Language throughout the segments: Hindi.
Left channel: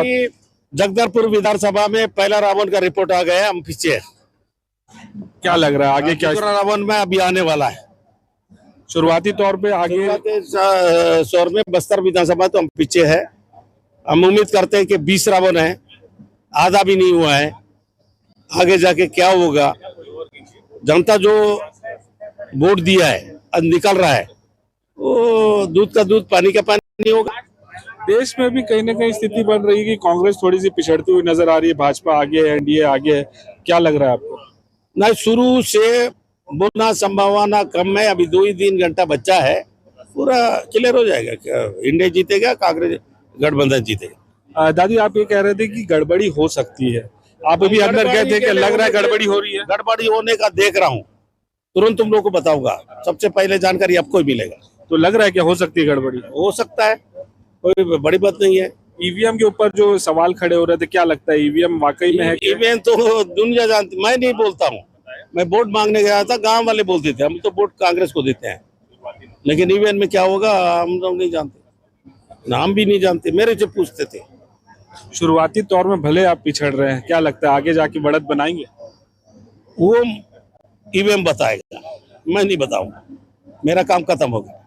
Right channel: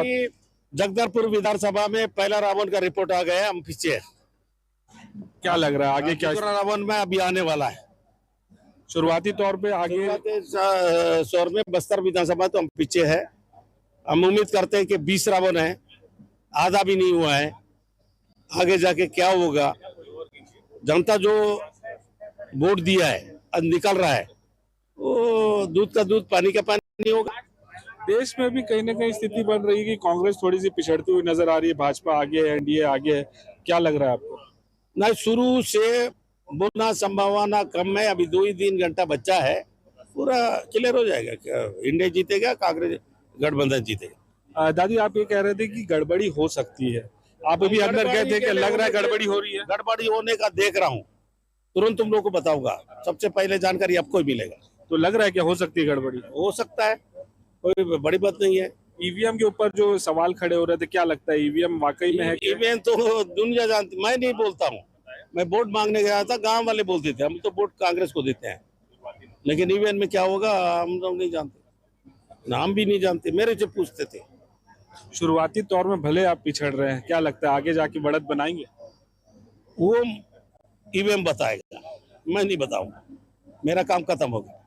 अभी जगदलपुर विधानसभा में पहला राउंड का रिपोर्ट आ गया, हम पीछे हैं। क्या लग रहा है आगे क्या दूसरा राउंड में अभी आने वाला है। शुरुआती तौर पे आगे शोर में बस्तर विधानसभा तो हम पीछे है। हम उम्मीद करते हैं कि 20 राउंड है, आधा भी नहीं हुआ है। आगे जाके क्या होगा, जनता जो वोट दिया है अब निकल रहा है, वो दूध का दूध पानी का पानी होगा। देश में भी कहीं ना कहीं स्थिति बन रही है कि कांग्रेस थोड़ी सी पिछड़ती हुई नजर आ रही है, भाजपा आगे है, एनडीए आगे है। क्या लग रहा है आपको? ना, शुरू से बोलना संभावना कम है, अभी 2 ही 3 घंटा बच्चा है, पूरा क्लियर हो जाएगा। इंडिया जीतेगा, कांग्रेस गठबंधन जीतेगा। दादी, आप ये कह रहे थे कि गड़बड़ी हो सकती है, आप अभी अंदर गए थे कि लग रहा है गड़बड़ी हो रही है? गड़बड़ी होने का देख रहा हूँ, तुरंत तुम लोग को बताऊंगा, सबसे पहले जानकारी आपको ही मिलेगा। तो लग रहा है कि हो सकती है गड़बड़ी? हो सकता है, कोई बड़ी बात नहीं है। ईवीएम के ऊपर जो सवाल खड़े हो रहे थे, क्या लगता है ईवीएम वाकई में है? ईवीएम तो दुनिया जानती, मैं नहीं बोलता हूँ। मैं वोट मांगने गया था, गांव वाले बोलते थे हम तो वोट कांग्रेस को देते हैं, लेकिन ईवीएम में क्या होगा हम लोग नहीं जानते, नाम भी नहीं जानते, मेरे से पूछते थे। शुरुआती तौर में भले आप पिछड़ रहे हैं, क्या लगता है आगे जाके बढ़त बनाएंगे? वो ईवीएम बताएगा, मैं नहीं बताऊंगा, मेरा काम खत्म हो गया।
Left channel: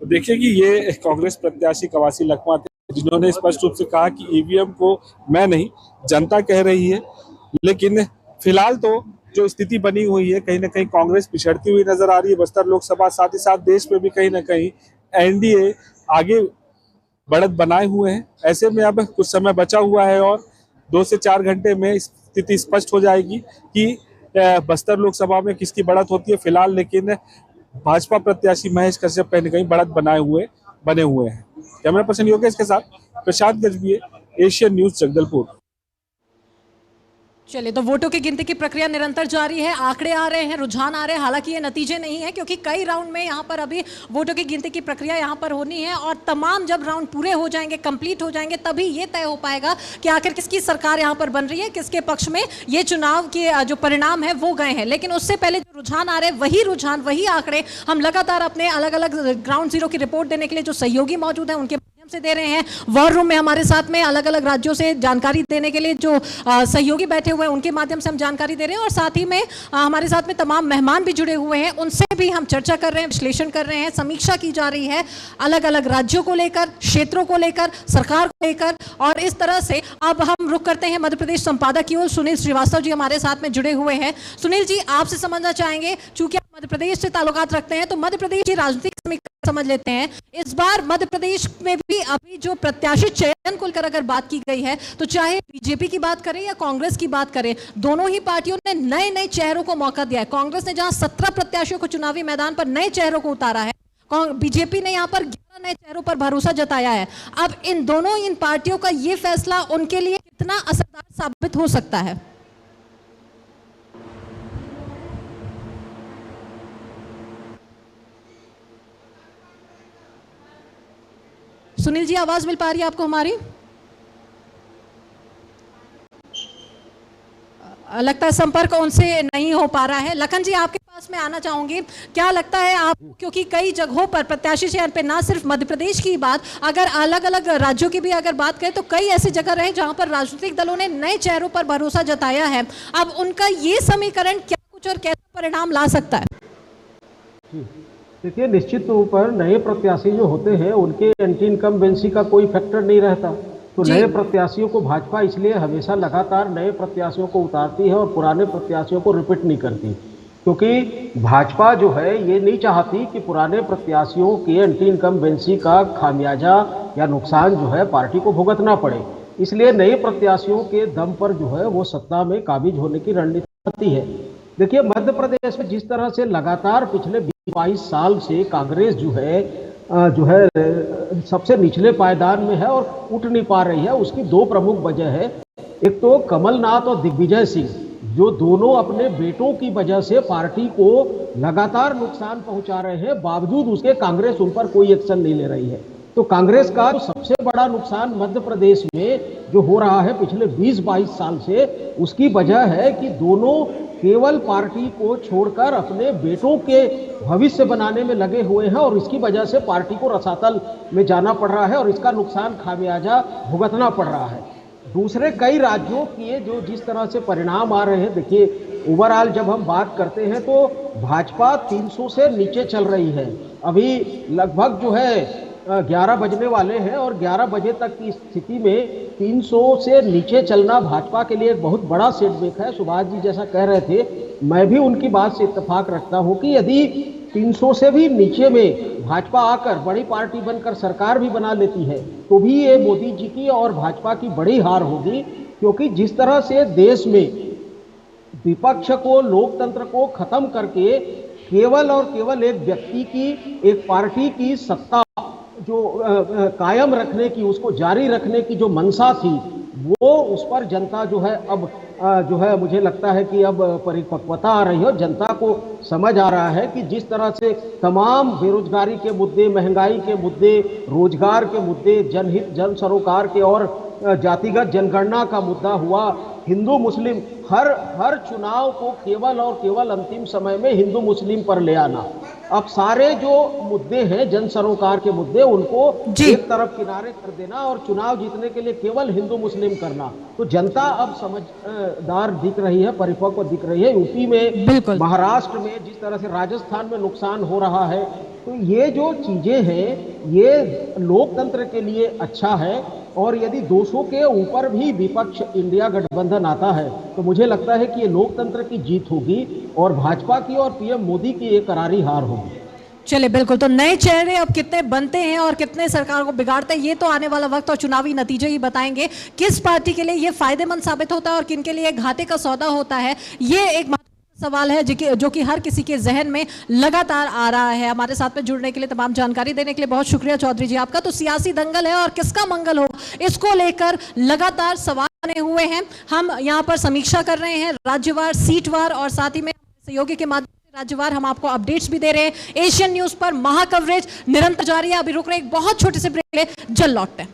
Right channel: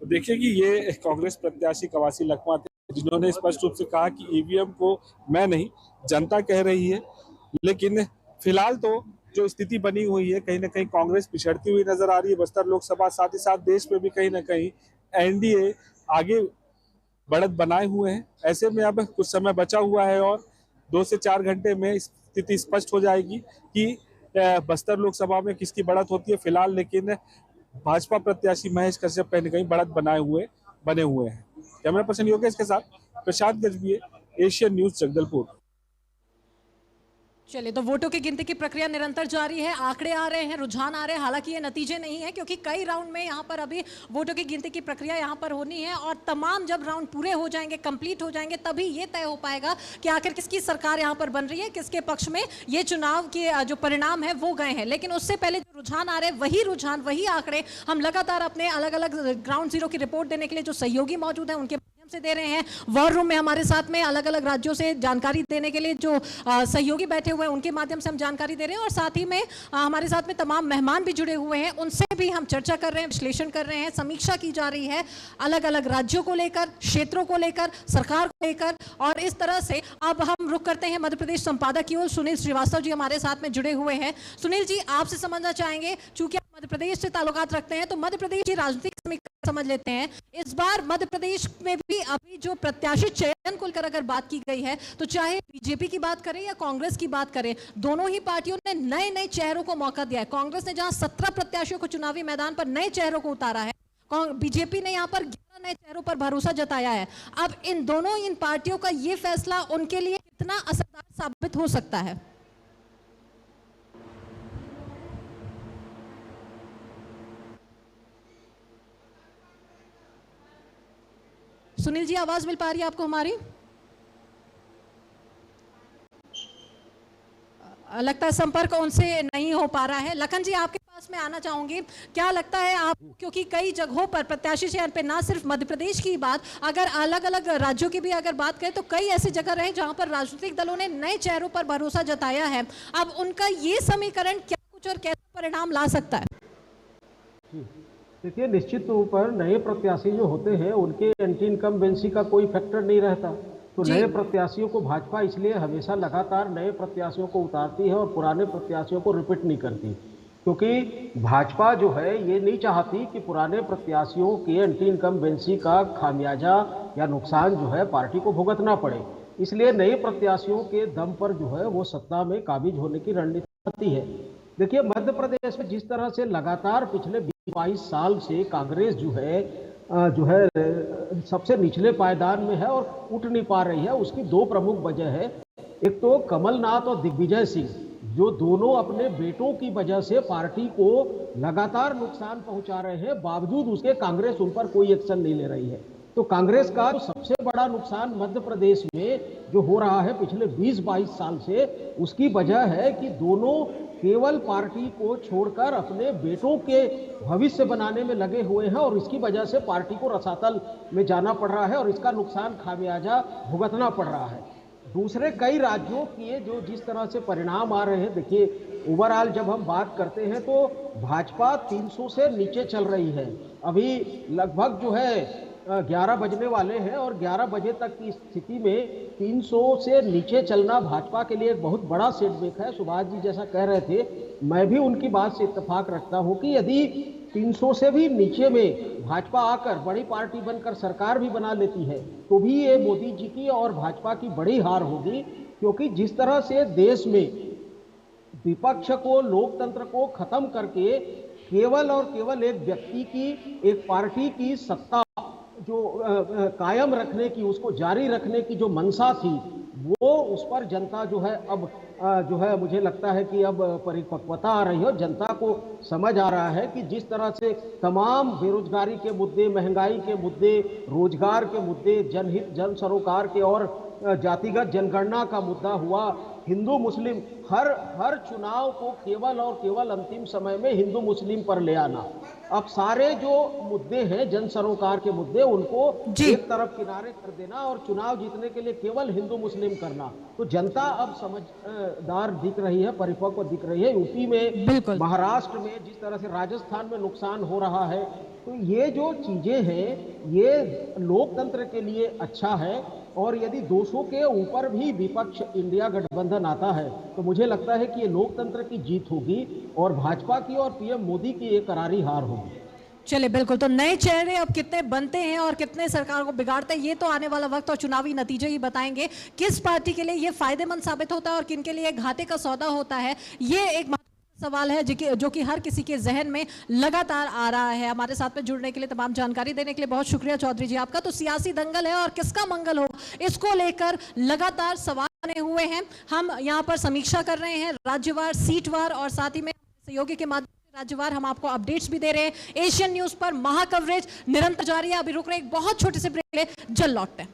तो देखिए कि ये कांग्रेस प्रत्याशी कवासी लखमा थे, जिन्होंने स्पष्ट रूप से कहा कि ईवीएम को मैं नहीं, जनता कह रही है। लेकिन फिलहाल तो जो स्थिति बनी हुई है, कहीं ना कहीं कांग्रेस पिछड़ती हुई नजर आ रही है बस्तर लोकसभा, साथ ही साथ देश में भी कहीं ना कहीं एनडीए आगे बढ़त बनाए हुए हैं। ऐसे में अब कुछ समय बचा हुआ है और 2 से 4 घंटे में स्थिति स्पष्ट हो जाएगी कि बस्तर लोकसभा में किसकी बढ़त होती है। फिलहाल लेकिन भाजपा प्रत्याशी महेश कश्यप कहीं ना कहीं बढ़त बने हुए हैं। कैमरा पर्सन योगेश के साथ प्रशांत गजबीये, एशियन न्यूज, जगदलपुर। चलिए, तो वोटों की गिनती की प्रक्रिया निरंतर जारी है, आंकड़े आ रहे हैं, रुझान आ रहे हैं। हालांकि ये नतीजे नहीं है, क्योंकि कई राउंड में यहाँ पर अभी वोटों की गिनती की प्रक्रिया यहाँ पर होनी है और तमाम जब राउंड पूरे हो जाएंगे, कंप्लीट हो जाएंगे, तभी ये तय हो पाएगा कि आखिर किसकी सरकार यहाँ पर बन रही है, किसके पक्ष में ये चुनाव के जो परिणाम है वो गए हैं। लेकिन उससे पहले जो रुझान आ रहे हैं, वही रुझान, वही आंकड़े हम लगातार अपने अलग अलग ग्राउंड जीरो की रिपोर्ट देने के लिए जो सहयोगी मौजूद हैं उनके से दे रहे हैं। वॉर रूम में हमारे साथ में अलग अलग राज्यों से जानकारी देने के लिए जो सहयोगी बैठे हुए हैं, उनके माध्यम से हम जानकारी दे रहे हैं और साथ ही में हमारे साथ में तमाम मेहमान भी जुड़े हुए हैं, उनसे भी हम चर्चा कर रहे हैं, विश्लेषण कर रहे हैं, समीक्षा की जा रही है अलग अलग राज्यों को लेकर, क्षेत्रों को लेकर, सरकार को लेकर। और इस तरह से अब हम रुख करते हैं मध्य प्रदेश संपादक की ओर। सुनील श्रीवास्तव जी हमारे साथ में जुड़े हुए हैं। सुनील जी, आपसे समझना चाहेंगे, चूंकि आप मध्य प्रदेश से ताल्लुकात रखते हैं, तो मध्य प्रदेश की राजनीतिक समीक्षा समझ लेते हैं। इस बार मध्य प्रदेश में भी अभी जो प्रत्याशी चयन को लेकर अगर बात की गई है, तो चाहे बीजेपी की बात करें या कांग्रेस की बात करें, दोनों ही पार्टियों ने नए नए चेहरों को मौका दिया है। कांग्रेस ने जहां 17 प्रत्याशियों को चुनावी मैदान पर नए चेहरों को उतारा है, बीजेपी ने यहां पर 11 नए चेहरों पर भरोसा जताया है। अब इन पार्टियों का यह फैसला उनके लिए कितना असरदार साबित हो सकता है? सुनील जी, आवाज मिल पा रही है आपको हमारी? लगता है संपर्क उनसे नहीं हो पा रहा है। लखन जी, आपके पास में आना चाहूंगी। क्या लगता है आपको, क्योंकि कई जगहों पर प्रत्याशी चयन पे ना सिर्फ मध्य प्रदेश की बात, अगर अलग अलग राज्यों की भी अगर बात करें, तो कई ऐसी जगह रहे जहां पर राजनीतिक दलों ने नए चेहरों पर भरोसा जताया है। अब उनका ये समीकरण क्या कुछ और कैसा परिणाम ला सकता है? देखिए, निश्चित तौर पर नए प्रत्याशी जो होते हैं उनके एंटी इनकम्बेंसी का कोई फैक्टर नहीं रहता। तो नए प्रत्याशियों को भाजपा इसलिए हमेशा लगातार नए प्रत्याशियों को उतारती है और पुराने प्रत्याशियों को रिपीट नहीं करती, क्योंकि भाजपा जो है ये नहीं चाहती कि पुराने प्रत्याशियों के एंटी इनकम्बेंसी का खामियाजा या नुकसान जो है पार्टी को भुगतना पड़े। इसलिए नए प्रत्याशियों के दम पर जो है वो सत्ता में काबिज होने की रणनीति है। देखिए, मध्य प्रदेश में जिस तरह से लगातार पिछले 22 साल से कांग्रेस जो है सबसे निचले पायदान में है और उठ नहीं पा रही है, उसकी 2 प्रमुख वजह है। एक तो कमलनाथ और दिग्विजय सिंह, जो दोनों अपने बेटों की वजह से पार्टी को लगातार नुकसान पहुंचा रहे हैं, बावजूद उसके कांग्रेस उन पर कोई एक्शन नहीं ले रही है। तो कांग्रेस का सबसे बड़ा नुकसान मध्य प्रदेश में जो हो रहा है पिछले 20-22 साल से, उसकी वजह है कि दोनों केवल पार्टी को छोड़कर अपने बेटों के भविष्य बनाने में लगे हुए हैं और इसकी वजह से पार्टी को रसातल में जाना पड़ रहा है और इसका नुकसान खामियाजा भुगतना पड़ रहा है। दूसरे कई राज्यों के जो जिस तरह से परिणाम आ रहे हैं, देखिए ओवरऑल जब हम बात करते हैं तो भाजपा 300 से नीचे चल रही है। अभी लगभग जो है 11 बजने वाले हैं और 11 बजे तक की स्थिति में 300 से नीचे चलना भाजपा के लिए एक बहुत बड़ा सेटबैक है। सुभाष जी जैसा कह रहे थे, मैं भी उनकी बात से इत्तेफाक रखता हूं कि यदि 300 से भी नीचे में भाजपा आकर बड़ी पार्टी बनकर सरकार भी बना लेती है तो भी ये मोदी जी की और भाजपा की बड़ी हार होगी, क्योंकि जिस तरह से देश में विपक्ष को, लोकतंत्र को खत्म करके केवल और केवल एक व्यक्ति की, एक पार्टी की सत्ता जो कायम रखने की, उसको जारी रखने की जो मंशा थी, वो उस पर जनता जो है अब जो है मुझे लगता है कि अब परिपक्वता आ रही है। जनता को समझ आ रहा है कि जिस तरह से तमाम बेरोजगारी के मुद्दे, महंगाई के मुद्दे, रोजगार के मुद्दे, जनहित जन सरोकार के और जातिगत जनगणना का मुद्दा हुआ, हिंदू मुस्लिम, हर चुनाव को केवल और केवल अंतिम समय में हिंदू मुस्लिम पर ले आना। अब सारे जो मुद्दे हैं, जन सरोकार के मुद्दे, उनको एक तरफ किनारे कर देना और चुनाव जीतने के लिए केवल हिंदू मुस्लिम करना। तो जनता अब समझदार दिख रही है, परिपक्व दिख रही है। यूपी में, महाराष्ट्र में, जिस तरह से राजस्थान में नुकसान हो रहा है, तो ये जो चीजें हैं ये लोकतंत्र के लिए अच्छा है। और यदि 200 के ऊपर भी विपक्ष इंडिया गठबंधन आता है तो मुझे लगता है कि ये लोकतंत्र की जीत होगी और भाजपा की और पीएम मोदी की एक करारी हार होगी। चलिए, बिल्कुल। तो नए चेहरे अब कितने बनते हैं और कितने सरकार को बिगाड़ते हैं, ये तो आने वाला वक्त और चुनावी नतीजे ही बताएंगे। किस पार्टी के लिए ये फायदेमंद साबित होता है और किन के लिए घाटे का सौदा होता है, ये एक सवाल है जो कि हर किसी के जहन में लगातार आ रहा है। हमारे साथ में जुड़ने के लिए, तमाम जानकारी देने के लिए बहुत शुक्रिया चौधरी जी आपका। तो सियासी दंगल है और किसका मंगल हो, इसको लेकर लगातार सवाल बने हुए हैं। हम यहाँ पर समीक्षा कर रहे हैं राज्यवार, सीटवार और साथ ही में सहयोगी के माध्यम से राज्यवार हम आपको अपडेट्स भी दे रहे हैं। एशियन न्यूज पर महा कवरेज निरंतर जारी है। अभी रुक रहे एक बहुत छोटे से ब्रेक ले, जल्द लौटते हैं।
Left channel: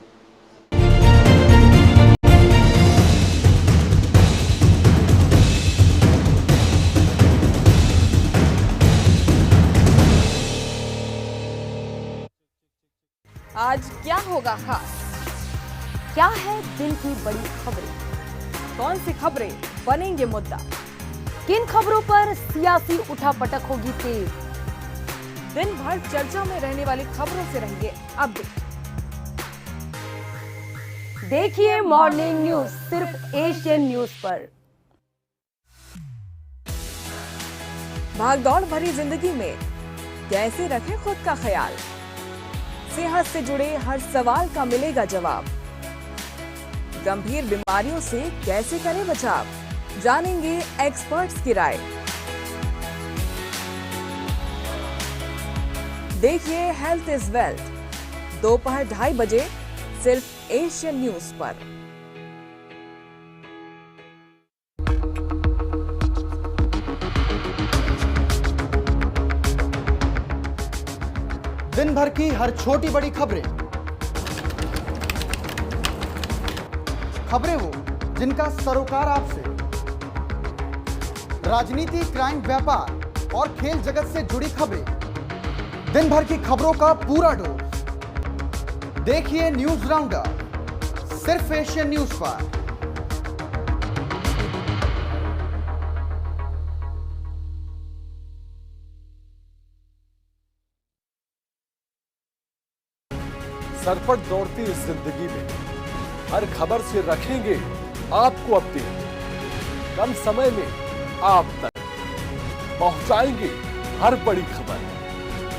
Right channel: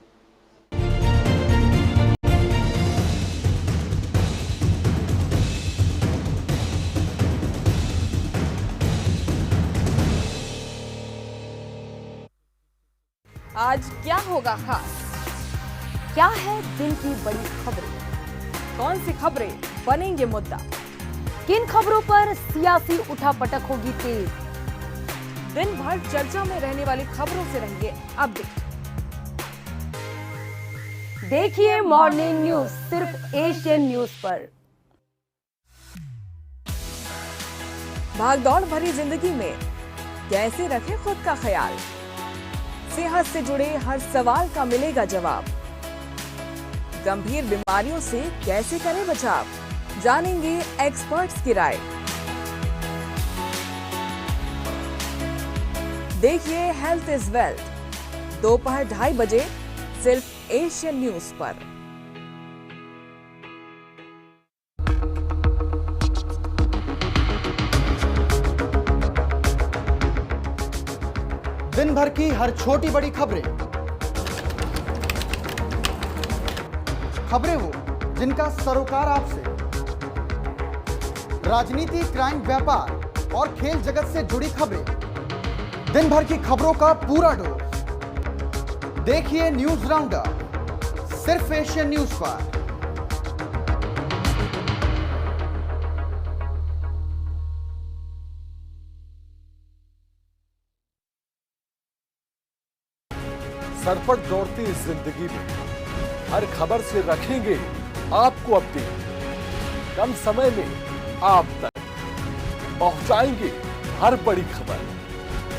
आज क्या होगा खास? क्या है दिन की बड़ी खबरें? कौन सी खबरें बनेंगे मुद्दा? किन खबरों पर सियासी उठापटक होगी तेज? दिन भर चर्चा में रहने वाली खबरों से रहेंगे अपडेट। देखिए मॉर्निंग न्यूज सिर्फ एशियन न्यूज पर। भागदौड़ भरी जिंदगी में कैसे रखें खुद का ख्याल? सेहत से जुड़े हर सवाल का मिलेगा जवाब। गंभीर बीमारियों से कैसे करें बचाव? जानेंगे एक्सपर्ट्स की राय। देखिए हेल्थ इज वेल्थ, दोपहर 2:30 बजे सिर्फ एशियन न्यूज पर। दिन भर की हर छोटी बड़ी खबरें वो जिनका सरोकार आपसे, राजनीति, क्राइम, व्यापार और खेल जगत से जुड़ी खबरें, दिन भर की खबरों का पूरा डोज। देखिए न्यूज राउंडअप सिर्फ एशियन न्यूज पर। सरपट दौड़ती इस जिंदगी में हर खबर से रखेंगे आपको अपडेट। कम समय में आप तक पहुंचाएंगे हर बड़ी खबर।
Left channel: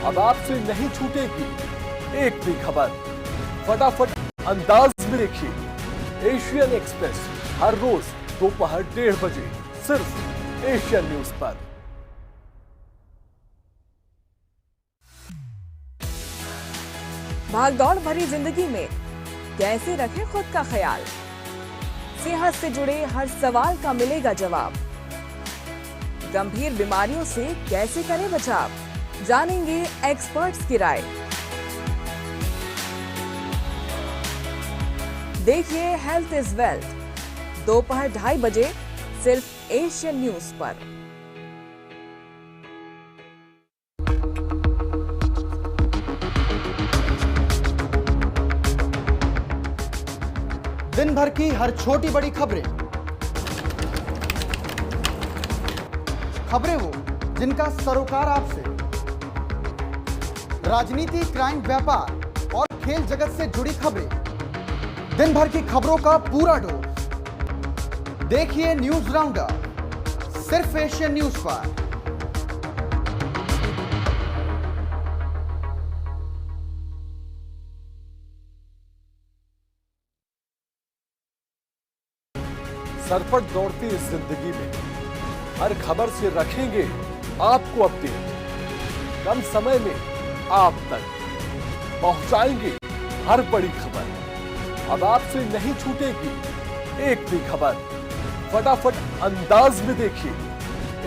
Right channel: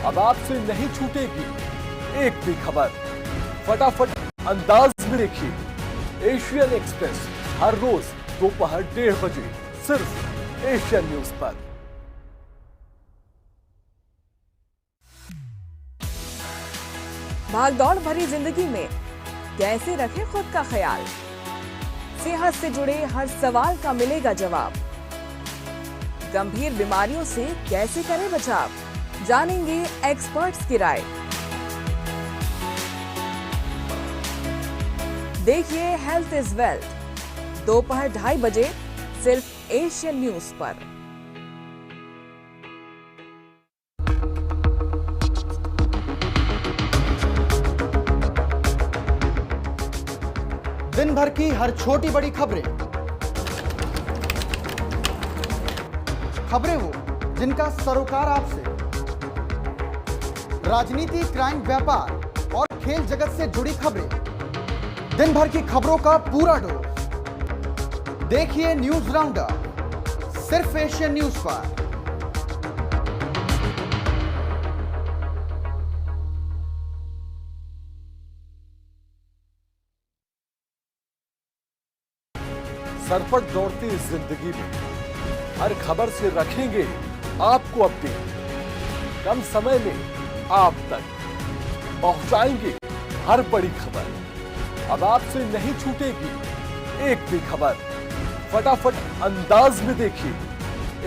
अब आपसे नहीं छूटेगी एक भी खबर। फटाफट अंदाज में देखिए एशियन एक्सप्रेस हर रोज दोपहर 1:30 बजे सिर्फ एशियन न्यूज पर। भागदौड़ भरी जिंदगी में कैसे रखें खुद का ख्याल? सेहत से जुड़े हर सवाल का मिलेगा जवाब। गंभीर बीमारियों से कैसे करें बचाव? जानेंगे एक्सपर्ट्स की राय। देखिए हेल्थ इज वेल्थ, दोपहर 2:30 बजे सिर्फ एशियन न्यूज पर। दिन भर की हर छोटी बड़ी खबरें वो जिनका सरोकार आपसे, राजनीति, क्राइम, व्यापार और खेल जगत से जुड़ी खबरें, दिन भर की खबरों का पूरा डोज। देखिए न्यूज राउंडअप सिर्फ एशियन न्यूज पर। सरपट दौड़ती इस जिंदगी में हर खबर से रखेंगे आपको अपडेट। कम समय में आप तक पहुंचाएंगे हर बड़ी खबर। अब आपसे नहीं छूटेगी एक भी खबर। फटाफट अंदाज में देखिए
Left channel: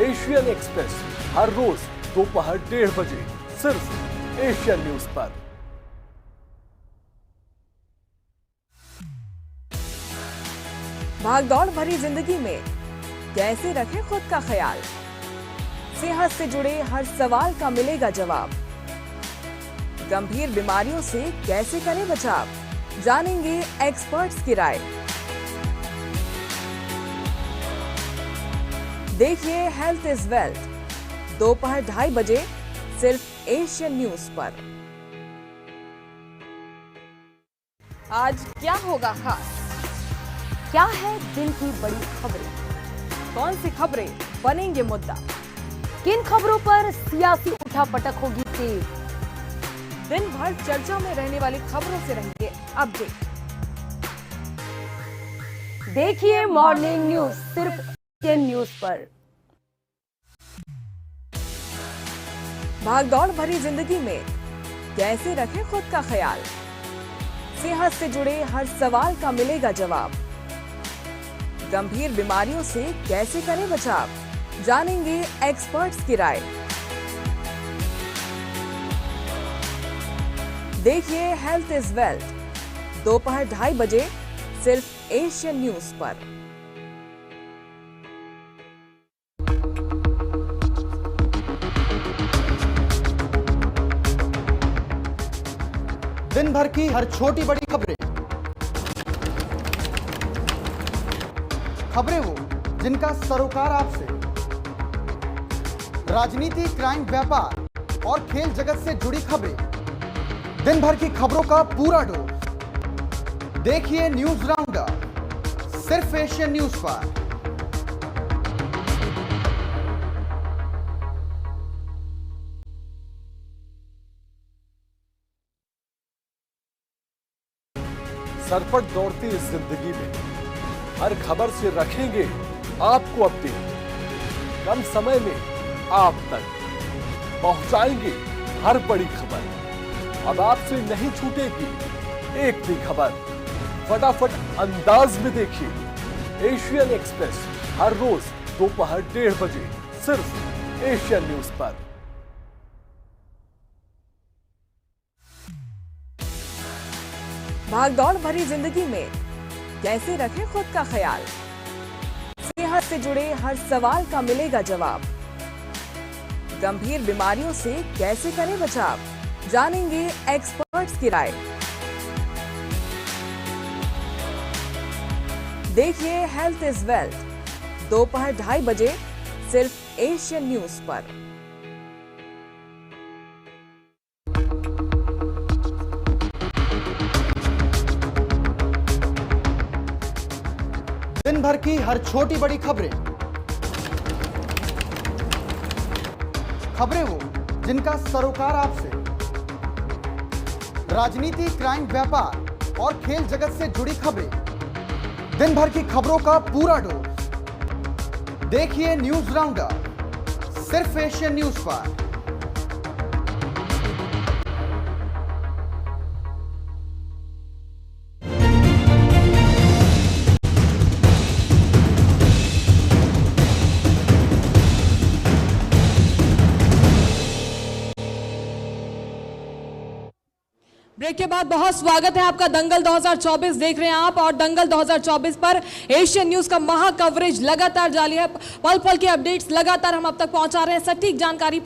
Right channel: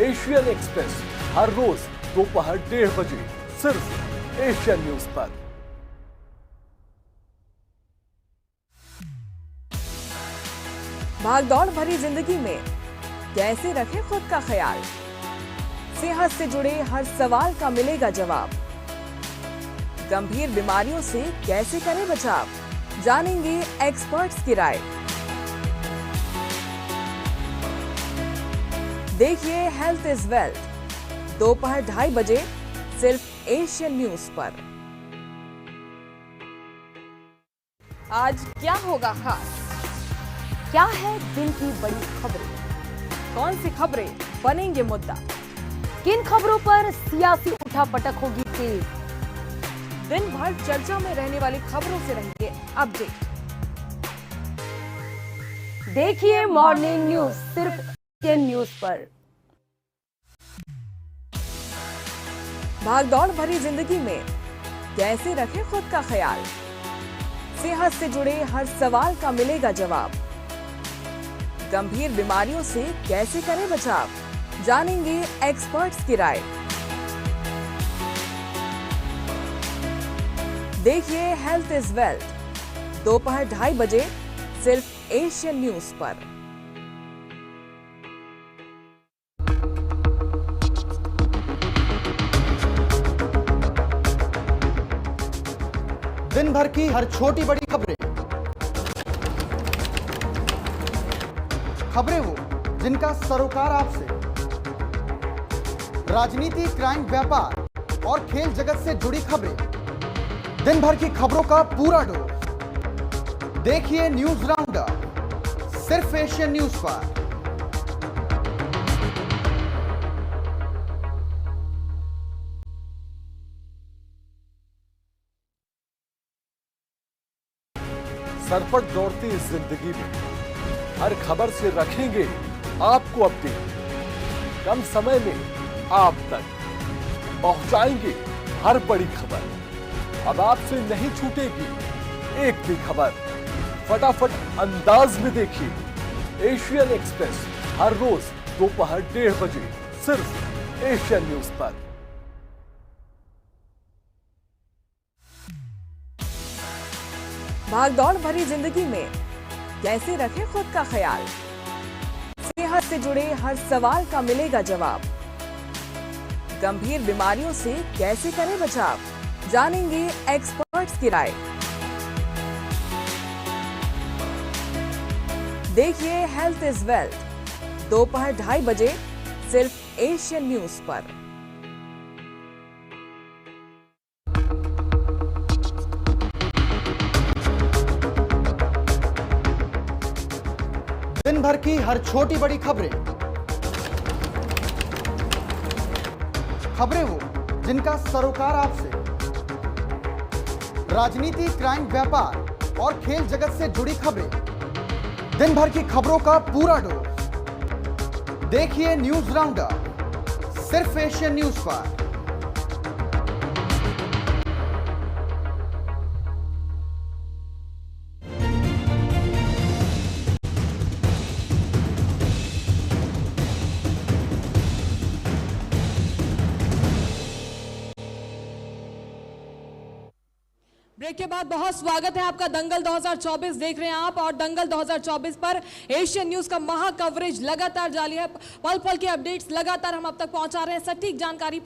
एशियन एक्सप्रेस हर रोज दोपहर 1:30 बजे सिर्फ एशियन न्यूज पर। भागदौड़ भरी जिंदगी में कैसे रखें खुद का ख्याल, सेहत से जुड़े हर सवाल का मिलेगा जवाब। गंभीर बीमारियों से कैसे करें बचाव, जानेंगे एक्सपर्ट्स की राय। देखिए हेल्थ इज वेल्थ दोपहर 2:30 बजे सिर्फ एशियन न्यूज पर। आज क्या होगा खास, क्या है दिन की बड़ी खबरें, कौन सी खबरें बनेंगे मुद्दा, किन खबरों पर सियासी उठापटक होगी तेज, दिन भर चर्चा में रहने वाली खबरों से रहेंगे अपडेट। देखिए मॉर्निंग न्यूज सिर्फ एशियन न्यूज पर। भागदौड़ भरी जिंदगी में कैसे रखें खुद का ख्याल, सेहत से जुड़े हर सवाल का मिलेगा जवाब। गंभीर बीमारियों से कैसे करें बचाव, जानेंगे एक्सपर्ट्स की राय। देखिए हेल्थ इज वेल्थ दोपहर 2:30 बजे सिर्फ एशियन न्यूज पर। दिन भर की हर छोटी बड़ी खबरें वो जिनका सरोकार आपसे, राजनीति, क्राइम, व्यापार और खेल जगत से जुड़ी खबरें, दिन भर की खबरों का पूरा डोज। देखिए न्यूज राउंडअप सिर्फ एशियन न्यूज पर। सरपट दौड़ती इस जिंदगी में हर खबर से रखेंगे आपको अपडेट। कम समय में आप तक पहुंचाएंगे हर बड़ी खबर। अब आपसे नहीं छूटेगी एक भी खबर। फटाफट अंदाज में देखिए एशियन एक्सप्रेस हर रोज दोपहर 1:30 बजे सिर्फ एशियन न्यूज पर। भागदौड़ भरी जिंदगी में कैसे रखें खुद का ख्याल, सेहत से जुड़े हर सवाल का मिलेगा जवाब। गंभीर बीमारियों से कैसे करें बचाव, जानेंगे एक्सपर्ट्स की राय। देखिए हेल्थ इज वेल्थ दोपहर 2:30 बजे सिर्फ एशियन न्यूज पर। दिन भर की हर छोटी बड़ी खबरें वो जिनका सरोकार आपसे, राजनीति, क्राइम, व्यापार और खेल जगत से जुड़ी खबरें, दिन भर की खबरों का पूरा डोज। देखिए न्यूज राउंडअप सिर्फ एशियन न्यूज पर। ब्रेक के बाद बहुत स्वागत है आपका। दंगल 2024 देख रहे हैं आप, और दंगल 2024 पर एशियन न्यूज का महा कवरेज लगातार जारी है। पल पल की अपडेट्स लगातार हम अब तक पहुंचा रहे हैं, सटीक जानकारी